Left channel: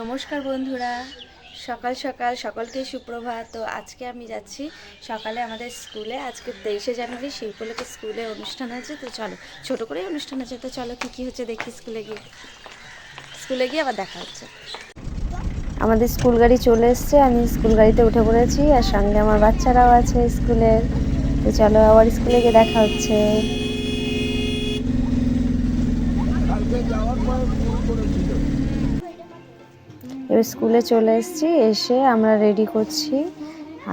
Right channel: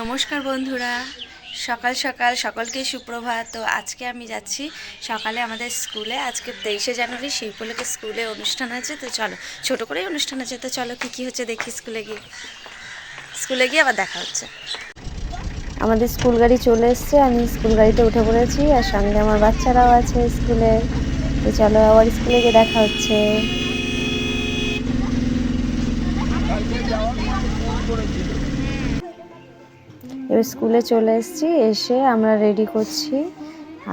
নমস্কার বন্ধুরা। সকাল সকাল সকলকে সুপ্রভাত। তো আজকে আমি যাচ্ছি সকালে আমাদের স্কুলে। আজকে তেইশে জানুয়ারি, সেই উপলক্ষে স্কুলে অনুষ্ঠান আছে তো চলো, ছোট করেই অনুষ্ঠান আছে তো চলো, কী কী হচ্ছে দেখি স্কুলে গিয়ে। স্কুলে গিয়ে আবার দেখা হচ্ছে। আমাদের স্কুল গাড়ি চলে এসছে। আমি স্কুল গাড়িতে উঠে পড়েছি। আর সঙ্গে আমার বাচ্চারাও আছে স্কুলে। তো চলো, আবার স্কুলে গিয়ে দেখা হচ্ছে। এবার স্কুলে চলে এসেছি, এসে আমরা রেডি করছি।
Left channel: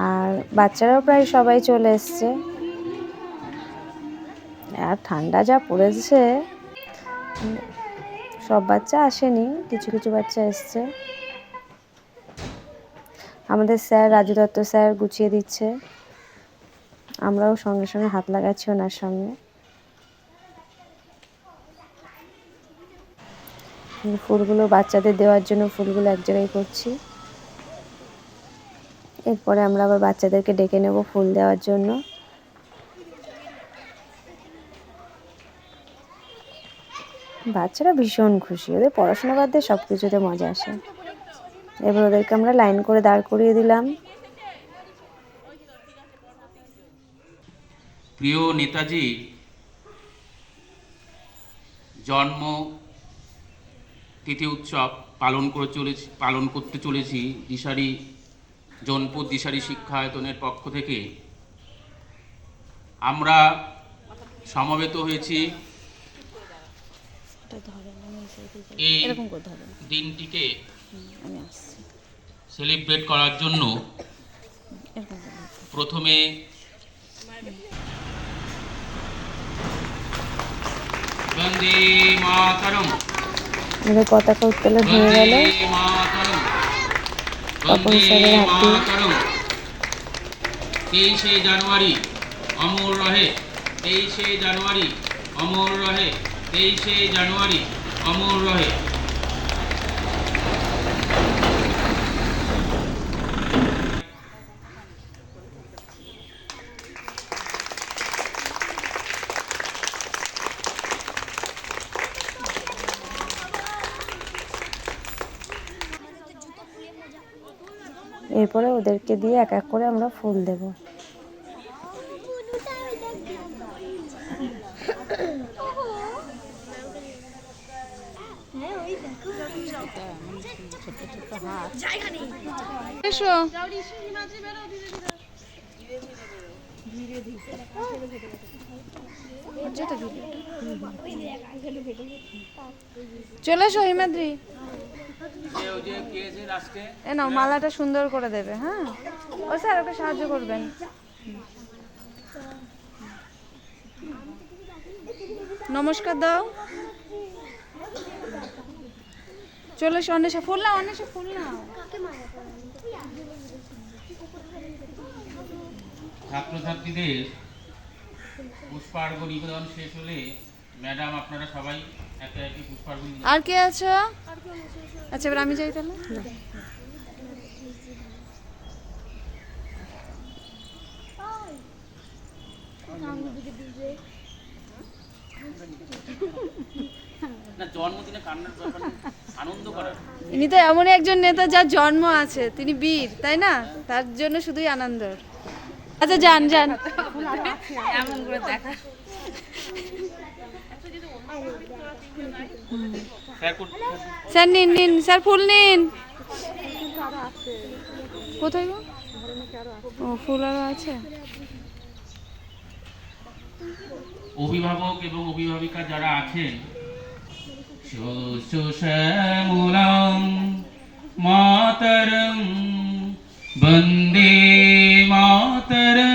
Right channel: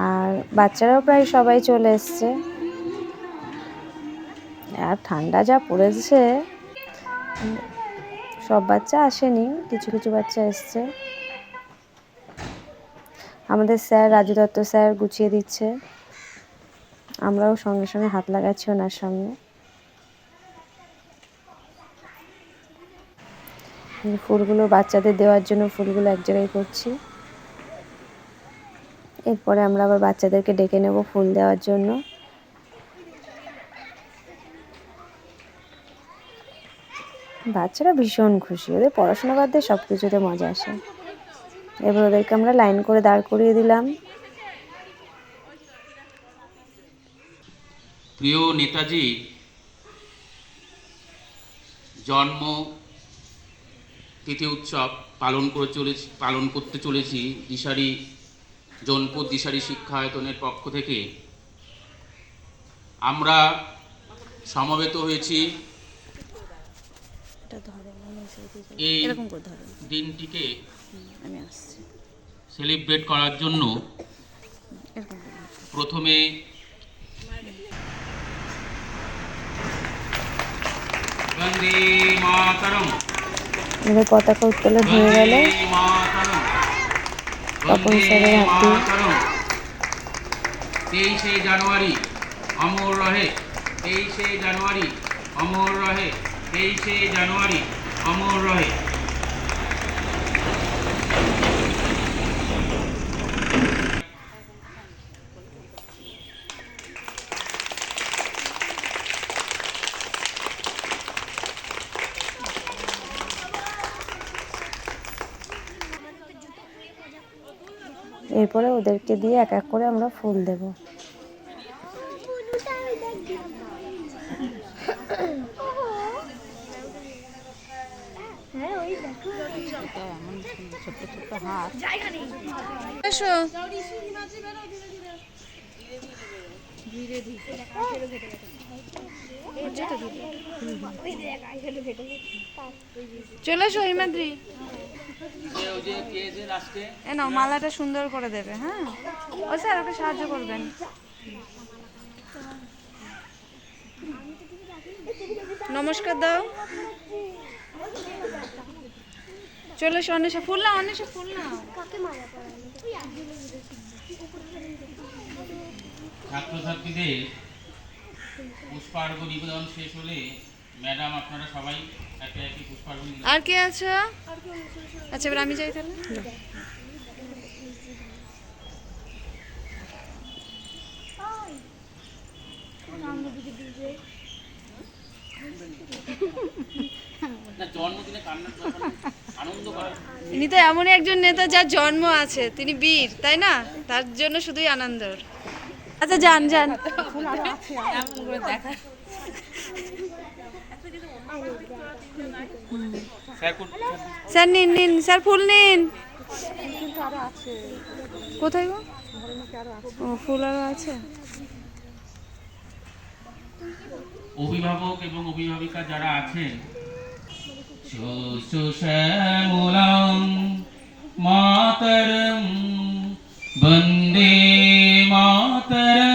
আর বাচ্চারাও প্রায় সবাই চলে এসছে। আর ঠান্ডা যা পড়েছে, সব বাচ্চা আসেনি, কিছু কিছু বাচ্চা এসছে। আমাদের স্যার, রাজু দত্ত স্যার গুছিয়ে দিচ্ছে। আমরাও সঙ্গে সঙ্গে হাত লাগাচ্ছি ওনার সামনে ফুলগুলো বাচ্চাদের দেওয়ার জন্য ফুলগুলো এক জায়গায় করছি। এরপরে আমরা আবার বাচ্চাদেরকে ডেকে নেব ফুল দেওয়ার জন্য। বাচ্চারা ভীষণ খুশি, ওদের পড়াশোনা বাদ দিয়ে সব কিছুতে মজা আসে। এবার ওদেরকে আমরা লাইন করে দাঁড় করিয়ে দিলাম। প্রিয় নেতাজি, জন্ম তিথি উৎসব পালন করে চলেছি পালন করতে চলেছি দিশারি জনপুর দিশারি শিক্ষায়তনের পক্ষ থেকে। আমরা সমবেত হয়েছি। এই দিনটিকে সেলিব্রেট করার জন্য প্রথমে বন্দে মাতরম। আমাদের পতাকা উত্তোলন হয়ে গেল। তপন স্যারের হাত। তেইশে জানুয়ারি, অমর রহে। তেইশে জানুয়ারি, অমর রহে। তেইশে জানুয়ারি, অমর রহে। এরপরে ওদেরকে দিয়ে এক এক করে আমরা ফুল দেব। চলে এসো হিমাদ্রি। এ নাও মালাটা সুন্দর করে দেবে হ্যাঁ? ও স্যার ওকে সাহায্য করবেন। নমস্কার দাও। চলে এসো অন্বেষা ফুল নাও অন্বেষা ফুল নাও। ছাত্রছাত্রীদের পুষ্পার্ঘ নিবেদন শেষ হলে ম্যাডাম আপনারা সবাই একে একে পুষ্পার্ঘ আর কে আছো? আচ্ছা এবার আমি যাই তাহলে? ইনি তো এমনই একজন নেতা যার জন্ম আছে তিনি বীর তাই না? তার জন্য শুধুই আনন্দর। আচ্ছা যান যান। কোন- স্যার নিন নিন স্যার ফুল নিন। কোথায় গো? ও ফুল আরও আছে। অভিভাবক এবং অভিভাবিকা যারা আছেন শ্যামলাম মাতরম বন্দে মাতরম।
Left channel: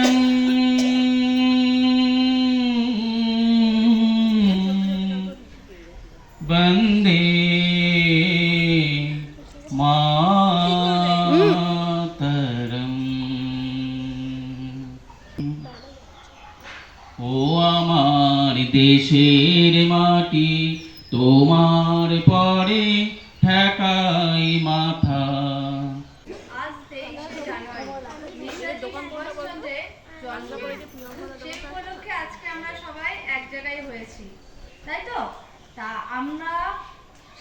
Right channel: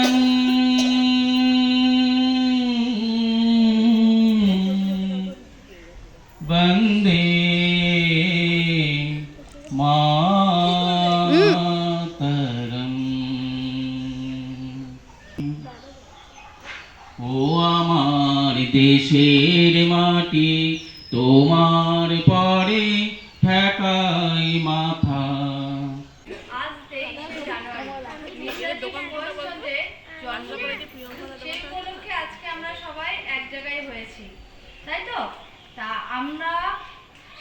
ও আমার দেশের মাটি, তোমার পরে ঠেকাই মাথা। আজকে আমরা সবাই এক জায়গায় হয়েছি। তাই তো? তা আমরা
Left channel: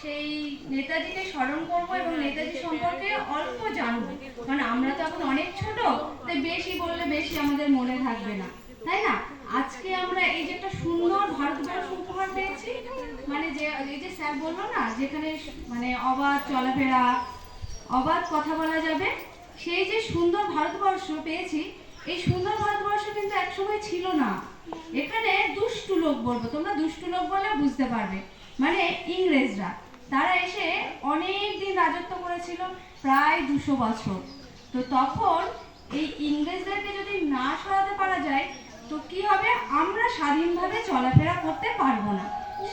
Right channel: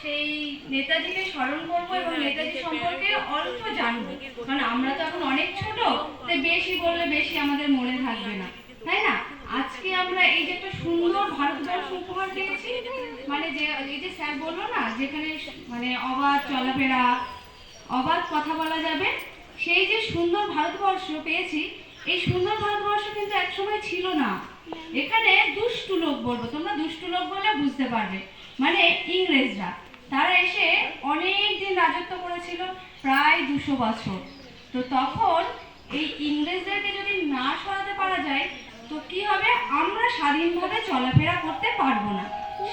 সেই নেতাজিকে স্মরণ করব এবং নেতাজি সম্পর্কে অল্প জানব। কারণ আমরা তো এখন অনেক ছোট, তাই বেশি বললে বেশি আমাদের মনে থাকবে না। তাই না? আজকে আমরা এই যে একটা সুন্দর ভারতবর্ষ উপহার পেয়েছি মানে যে, এই যে স্যার বলল না, যেখানে মানে অবাধ চলাফেরা, অবাধ কথা বলা যাবে, সেই যে সুন্দর ভারতবর্ষ পেয়েছি, এই সুন্দর ভারতবর্ষ কিন্তু একসময় ছিল না। এখানে দুষ্টু লোক বলব, তোমরা দুষ্টু লোক বলে বুঝতে পারবে। মানে ইংরেজরা, তারা এসে অনেক দিন রাজত্ব করেছিল, প্রায় দুশো বছর। তো তখন এই ইংরেজদেরকে যদি না সরাতে পারা যায়, তো কি স্বাধীনভাবে চলাফেরা করতে পারব না।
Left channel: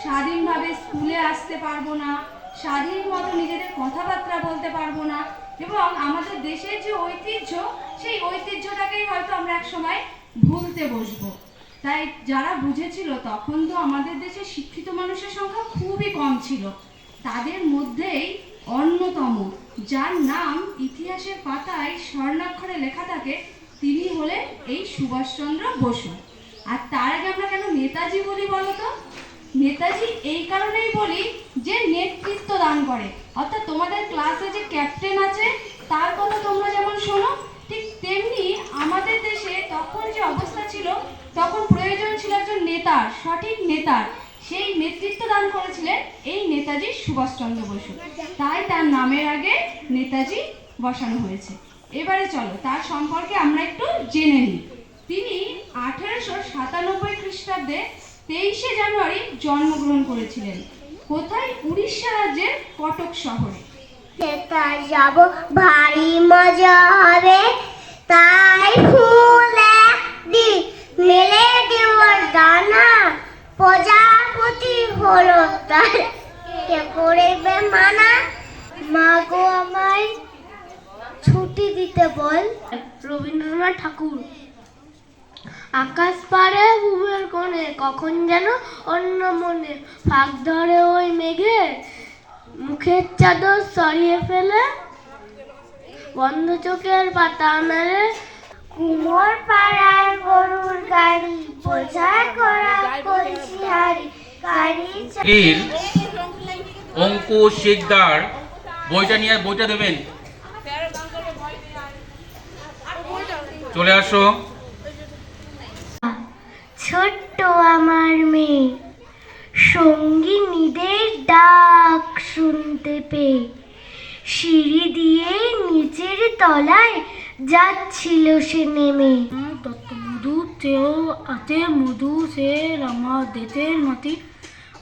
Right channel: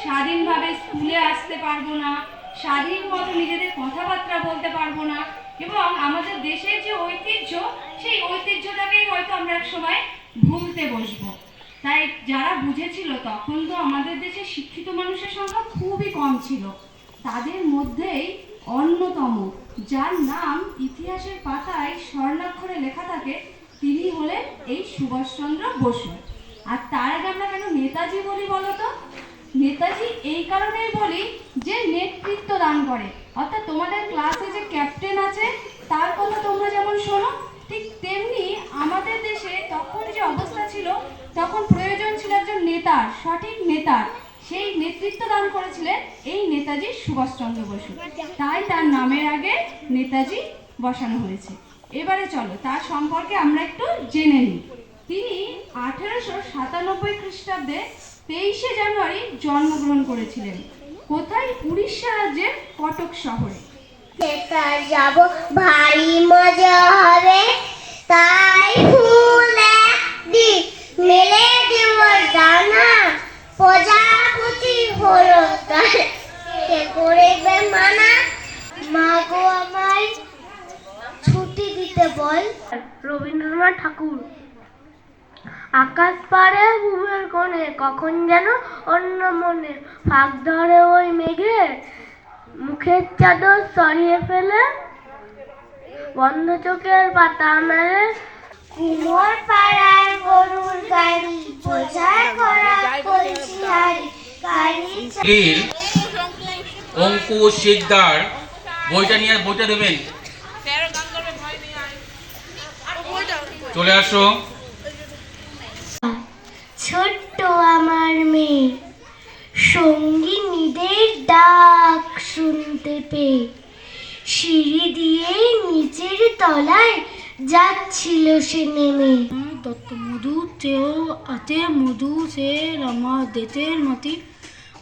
স্বাধীনভাবে স্কুলে আসতে পারব না। স্বাধীন মতো নিজেদের কথাবার্তা বলতে পারব না। এবং আমাদের দেশের যে ঐতিহ্য, সেই ঐতিহ্যটাকেই হয়তো আমরা এক সময় ভুলতে বসবো। তাই যারা বুঝেছিল তখন তো আমাদের দেশে শিক্ষিত মানুষের সংখ্যা খুবই কম ছিল। তাদের মধ্যেই অন্যতম, যার নাম ইতিহাসের পাতায় স্বর্ণাক্ষরে লেখা থাকে, তিনি হলেন এই সুভাষচন্দ্র বসু। আর তার আগে আমরা কেন নেতাজি বলি বলো তো? নেতাজি এই কারণেই বলি যে নেতৃত্ব দান করে। অর্থাৎ তোমাদের ক্লাসে যে ক্যাপ্টেন আছে, তার কথা তোমরা যেমন শোনো, ঠিক তেমনি আমাদের দেশে তখন যে অবস্থা ছিল, তখন প্রয়োজন ছিল একজন নেতার সঠিক নেতার সেই নেতৃত্ব দান করেছিলেন এই নেতাজি সুভাষচন্দ্র বসু। তাই তার নামের আগে নেতাজি বসানো হয়েছে। এবারে চলো, তার সম্পর্কে আমরা একটু জেনে নিই। তিনি আঠেরোশো সাতানব্বই খ্রিস্টাব্দে তেইশে জানুয়ারি জন্মগ্রহণ করেছিলেন। কোথায়? উড়িষ্যা রাজ্যের কটক শহরে। নেতার যাব ভারী মজা হবে তাই ফুল একদিন মেলে দেব ডানা প্রজাপতি হলো তার। কে করবে মানা? মাগো আমায় ছুটি দিতে বল। রবীন্দ্রনাথ ঠাকুর। আকাশ পারে বুবের কোণে কখন যেন অন্য মনে ফাঁক ধরে ওই মেঘে। মুখের চাদর সরিয়ে ফেলে বন্ধ চোখের পাতা মেলে। কুমোর পাড়ায় গরুর গাড়ি বোঝায় করা কলসি হাড়ি গাড়ি এর অঙ্কুশ শিকদার বইটা নিয়ে বইটা দেবেন। চলে আসো। ছোট্ট আমার মেয়ে। সঙ্গিনীদের ডাক শুনতে পেয়ে সিঁড়ি দিয়ে নিচের তলায় যাচ্ছিল সে নেমে। মধু তেও আতে মধু সে রামা দেতের মাটি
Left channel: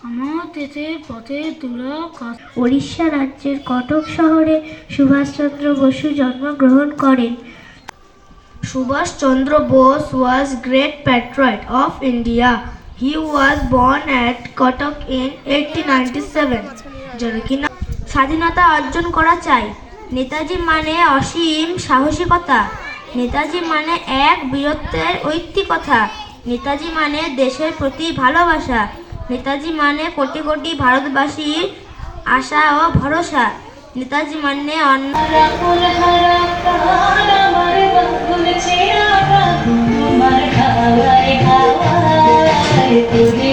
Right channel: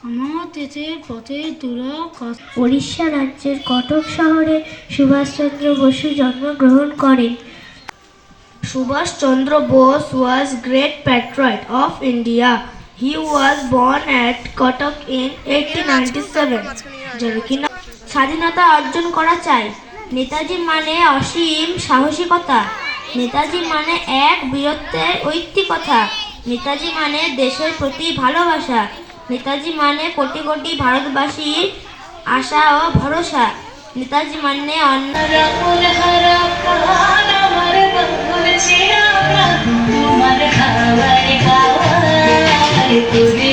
আমার তেতের পথে দুরা উড়িষ্যা রাজ্যের কটক শহরে সুভাষচন্দ্র বসু জন্মগ্রহণ করেন। Subhash Chandra Bose was great patriot of India. He was born at Cuttack in 1897. যদি স্বাধীনতা অর্জন করা চাই নেতাজি মানে অসীম সাহসিকতা নেতাজি মানে এক বীরত্বের ঐতিকতা নেতাজি মানে দেশের প্রতি ভালোবাসা নেতাজি মানে কোটি কোটি ভারতবাসীর আশা ও ভরসা নেতাজি মানে অন্য তোমার খাওয়ায় খাওয়ায় তুমি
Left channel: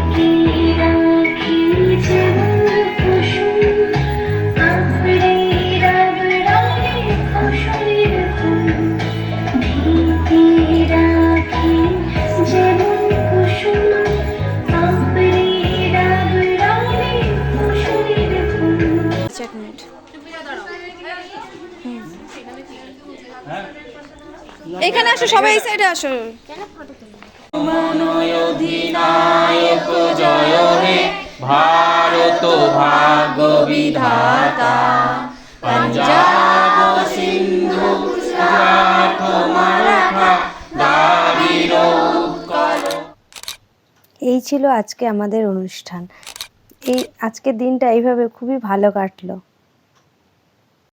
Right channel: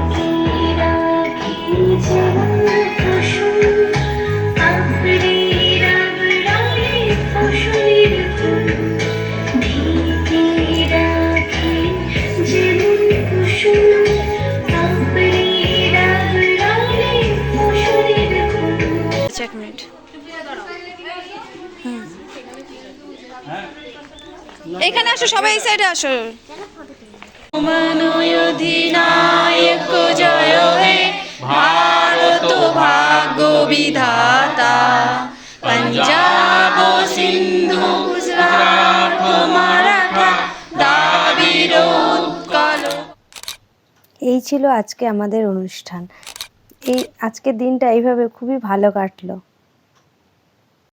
আসো সবাই এই সাইডে আসো। অধিনায়ক জয় হে ভারত ভাগ্য বিধাতা। পঞ্জাব সিন্ধু গুজরাট মারাঠা দ্রাবিড় এই ছিল আজকে আমাদের অনুষ্ঠান। এই আজকের দিনটা এইভাবে খুবই ভালো কাটলো।